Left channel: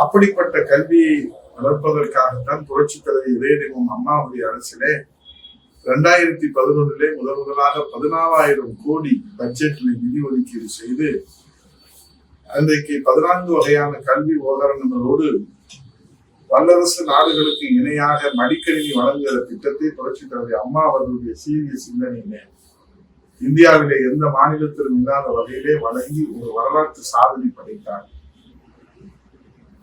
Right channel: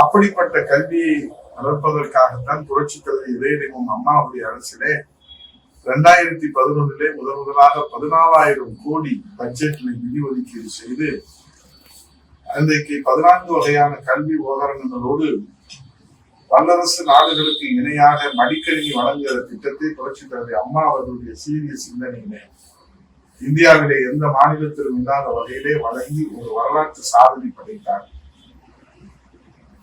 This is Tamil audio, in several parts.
அப்படிப்பட்ட கல்வியை வளர்ப்பதற்காகத்தான் புரட்சி தலைவர் இதயதெய்வம் அம்மாவுடைய அரசிலே 2011 முதலாக 14,000 கோடி பட்ஜெட்ல நிதி ஒதுக்கீடு செய்து அன்றைக்கு 14 வகையான கல்வி உபகரணங்களோடு வல்லரசு நாடுகளுக்கு இணையாக மடிக்கணினி வழங்குகிற திட்டத்தை புரட்சி தலைவர் அம்மா அவர்களுடைய சீரிய சிந்தனையிலே இந்தியாவிலே எந்த மாநிலத்திலும் இல்லாத வகையிலே வழங்கி ஒரு வரலாற்று சாதனை படைத்தார்.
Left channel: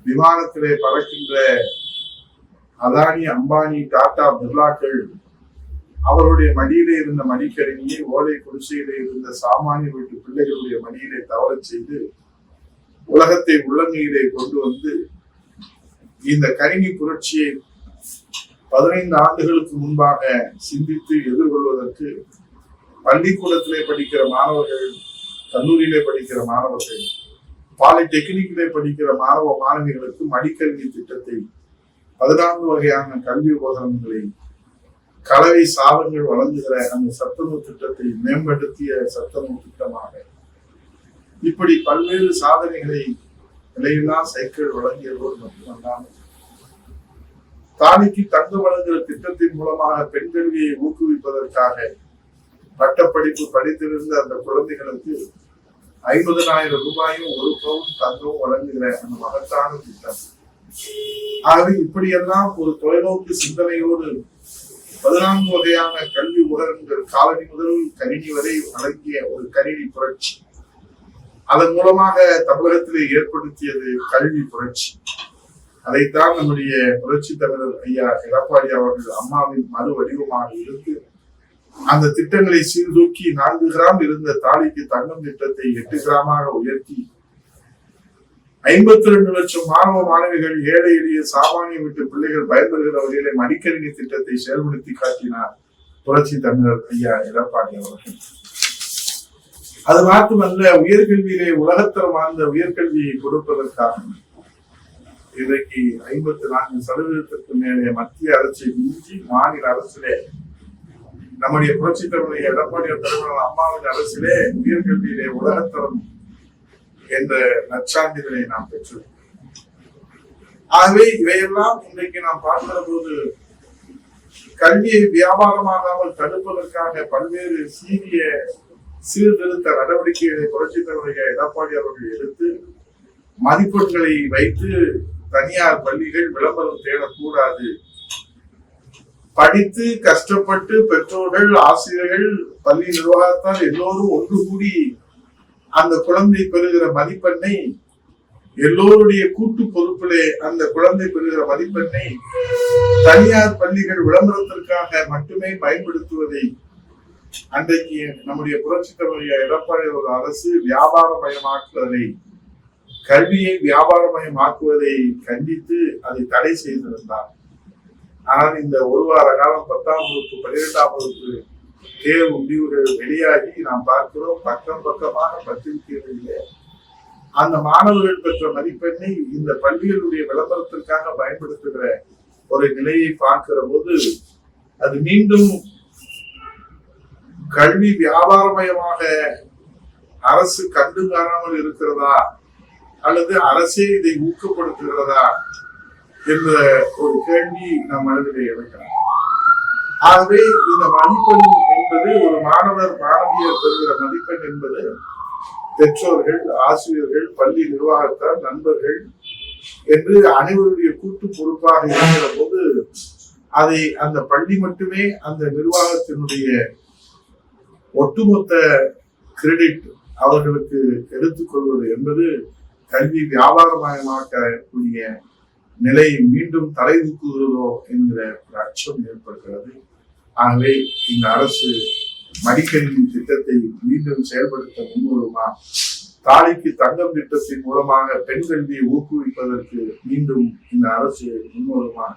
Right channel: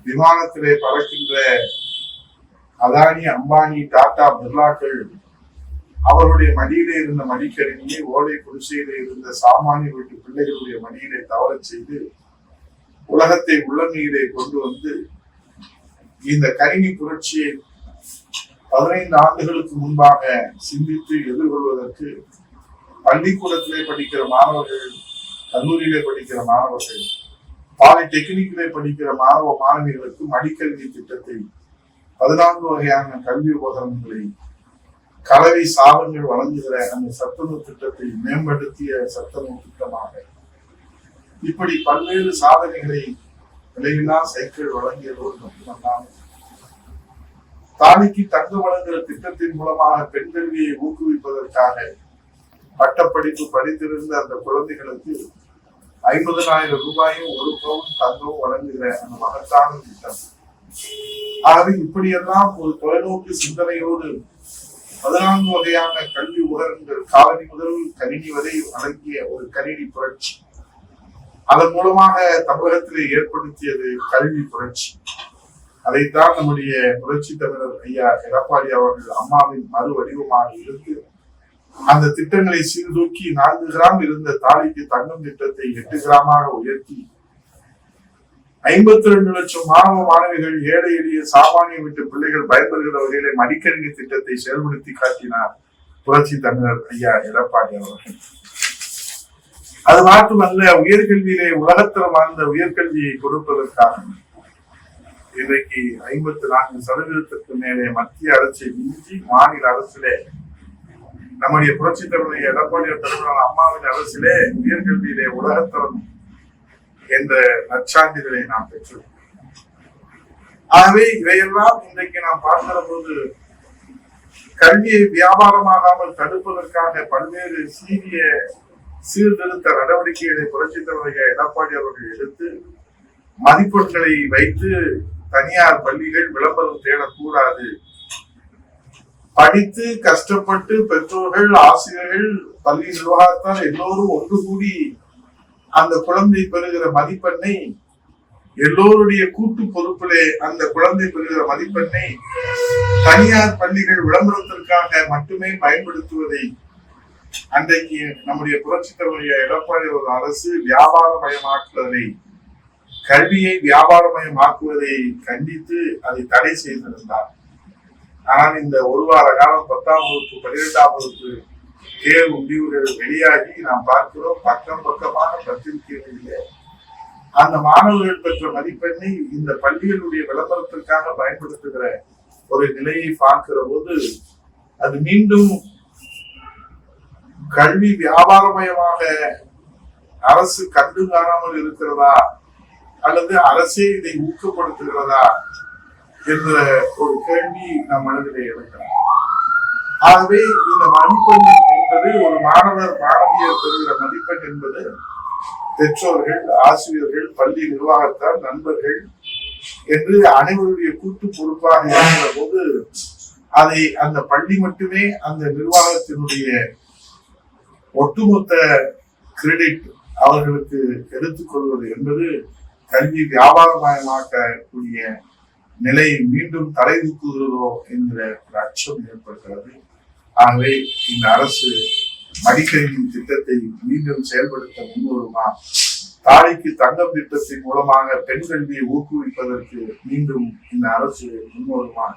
விமானத்திலே பறக்கின்ற அதானி, அம்பானி, டாடா, பிர்லாக்கள் அவருடைய மடியிலே இருந்த மடிக்கணினியை ஓலை குடிசையிலே இருந்த சாமானிய வீட்டு பிள்ளைகளுடைய மடியிலே தவறச் செய்து உலகத்தை உள்ளங்கையிலே கொண்டு வந்து இந்த கணினி புரட்சியை 15 ஆண்டுகளுக்கு முன்பாக சிந்தித்து எதிர்கொள்வதற்கு பள்ளிக்கூடத்திலே படிக்கிற மாணவர்கள், கல்லூரியிலே படிக்கிற மாணவர்கள், பாலிடெக்னிக்கிலே படிக்கிற மாணவ மாணவிகளுக்கு மடிக்கல்வி திட்டத்தை 14 வகையான கல்வி உபகரணங்களை கலவை சாதங்கள் வழங்குகிற அந்த சத்துணவு திட்டத்தை மேம்படுத்திய சத்துணவு திட்டமாக இப்படி பல்வேறு சாதனைகளை விலையில்லா சைக்கிள் வழங்கியதோடு மட்டுமல்லாமல் தாலிக்கு தங்கம் வழங்குகிற திட்டத்தின் மூலமாக பெண் கல்வியை ஊக்குவிப்பதற்காக பட்டப்படிப்பு படித்திருந்த அந்த குழந்தைகளுக்கு 50,000 ரூபாயும் 1 பவுன் தங்கமும் வழங்குகிற அந்த மகத்தான திட்டம். ஆகவே இப்படியெல்லாம் ஒரு தொலைநோக்கு சிந்தனையோடு 14 வகையான கல்வி உபகரணங்கள் காலனி முதல் கணினி வரை வழங்கிய ஒரு கணினி புரட்சி. அதன் மூலமாக தமிழகத்திலே ஏற்படுத்தியது கல்வி புரட்சி. அதைத்தான் நம்முடைய புரட்சி தமிழர் ஐயா எடப்பாடி அவர்கள் அம்மாவின் மறு வடிவமாக இருந்து அந்த திட்டங்களை சீர்தூக்கி 4 கிராம் இருந்த தாலிக்கு தங்கம் திட்டத்தை 8 கிராமாக உயர்த்தி 52 லட்சம் மாணவ மாணவிகள், ஏழை எளிய சாமானிய வீட்டு பிள்ளைகள் பயன்பெறுகிற வகையிலே மடிக்கணினி திட்டத்தை செயல்படுத்தி காட்டினார் புரட்சி தமிழர் ஐயா எடப்பாடி அவர்கள். அது மட்டுமல்ல, உயர்கல்வியிலே உலகத்தரம் வாழ்ந்த உயர்கல்வியை கொடுப்பதற்காக இன்றைக்கு 54% மேலே மத்திய அரசை மிஞ்சி மாநில அரசிலே நம்முடைய புரட்சி தலைவர் எடப்பாடி தலைவரான அம்மாவின் அரசிலே உயர்கல்வியிலே உலகத்தரம் என்ற நற்சான்றிதழை நாம் பெற்றோம். ஆகவே இவையெல்லாம் இன்றைக்கு நாம் பார்க்கிற போது கல்வியை வியாபாரமாகாமல் தடுப்பதற்காக பல்வேறு சீர்திருத்த நடவடிக்கைகளை புரட்சி தலைவர் எடப்பாடி அவர்கள் எடுத்து மதிப்பெண்களை வைத்து தனியார் பள்ளிகள் விளம்பரம் தேடக்கூடாது, படித்து கஷ்டப்பட்டு பெற்றோர்கள், ஆசிரியர்கள், பள்ளி நிர்வாகத்தால் எல்லோரும் ஒன்று கூடி அந்த குழந்தை பெறுகிற மதிப்பெண்ணை எல்லோருடைய கூட்டு பொறுப்பிலே அந்த குழந்தை பெறுகிற மதிப்பெண்ணை தனியார் பள்ளிகள் விளம்பரத்திற்காக மட்டுமே பயன்படுத்துவதை அன்றைக்கு நம்முடைய புரட்சி தலைவர் எடப்பாடி ஒரு அரசு வியாபாரமயமாக்குவதை, கல்வியை வியாபாரமயமாக்குவதை கண்டித்து அதை தடை செய்திருந்தார். ஆனால் இந்த ஒரு வார காலம் 10ஆம் வகுப்பு 12ஆம் வகுப்பு தேர்வு முடிவுகள் வெளியாகி நாம் பார்க்கிறோம். பக்கமாக பத்திரிகைகளிலே அந்த மாணவர்கள் பெற்ற மதிப்பெண்ணை இந்த பள்ளிகளுடைய விளம்பரத்திற்காக பயன்படுத்துகிற ஒரு நிலையை பார்க்கிற போது அது மீண்டும் கல்வி வியாபாரமயமாக அரசு கண்டு காணாமல் இருக்கிறதா அல்லது அரசே இதை ஊக்கப்படுத்துகிறதா என்ற ஒரு கேள்வி நம் மனதிலே எழுக்கலாம். ஆகவே இந்த மதிப்பெண் என்பது ஒரு மாணவியர் பெறுகிற மதிப்பெண் என்பது பெற்றோர்கள், ஆசிரியர்கள், பள்ளி நிர்வாகத்தார், நண்பர்கள் என்று அனைவருடைய கூட்டு பொறுப்பாக இருக்கிற போது அதை அந்த பள்ளி மட்டுமே அந்த நிர்வாகத்தினுடைய ஒட்டுமொத்த கிரெடிட் அவர்களுக்கு எடுத்துக்கொள்வது என்பது கல்வி வியாபாரமயமாக்கக்கூடிய நிலை மீண்டும் தலை தூக்குகிறதோ என்கிற ஒரு அச்சம் ஏற்படுகிறது. ஆகவே இந்த அரசு மடிக்கணினி திட்டத்தை மீண்டும் செயல்படுத்த முன்வருமா? தாலிக்கு தங்கம் திட்டத்தின் மூலமாக பெண் கல்வியை ஊக்குவிப்பதற்கு மீண்டும் இந்த அரசு முன்வருமா?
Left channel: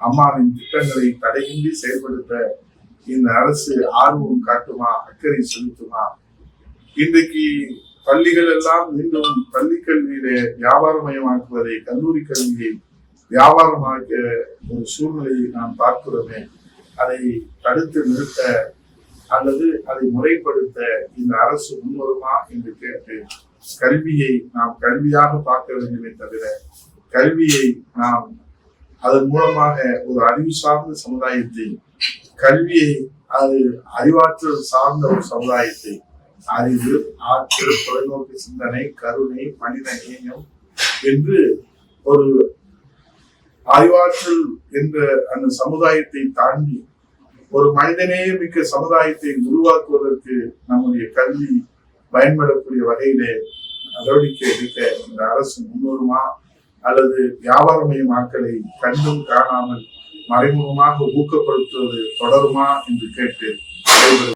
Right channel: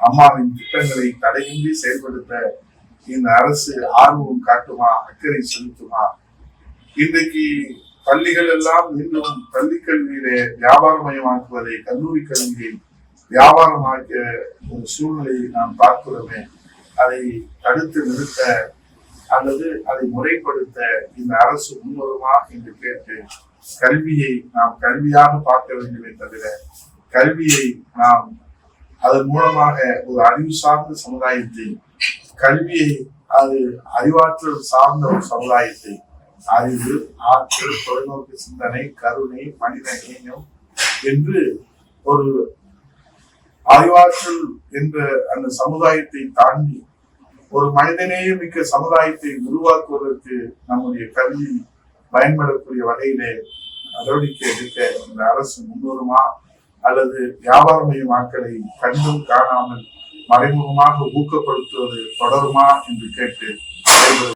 அம்மாவின் திட்டங்களை தடையின்றி செயல்படுத்த இந்த அரசு ஆர்வம் காட்டுமா, அக்கறை செலுத்துமா? இன்றைக்கு பள்ளிகள் எல்லாம் மீண்டும் பள்ளி கல்வியிலே வியாபாரமயமாக்குவதை, கல்லூரி கல்வியை வியாபாரமாக்க ஒரு சூழ்நிலையை நாம் பார்க்கிறோமே, அதை தடுத்து நிறுத்த அல்லது அதை முறைப்படுத்த இந்த அரசு முன்வருமா என்று கேட்டு கல்வியை நாம் கல்வியாக பார்க்க வேண்டுமே தவிர கல்வியை நாம் அதன் மூலமாக ஒரு அறிவு சார்ந்த சமுதாயத்தை, கல்வியை அது அறிவாற்றல் சார்ந்த ஒரு சமுதாயத்தை, அறிவு, ஆற்றல், தொலைநோக்கு சிந்தனை, கருணை, மனித நேயம் என்று ஒரு அறிவாற்றல் என்ற அந்த சமுதாயத்தை தாண்டி ஒரு மனிதநேய மிக்க சமுதாயத்தை உருவாக்குவதற்கு நம்முடைய கல்வி பயன்படக்கூடிய வகையிலே நடவடிக்கை எடுக்க இந்த அரசு முன்வருமா அல்லது வியாபாரமயமாக்கலை கண்டும் காணாமல் மறைமுகமாக ஊக்கப்படுத்துவது தொடருமா என்று கேட்டு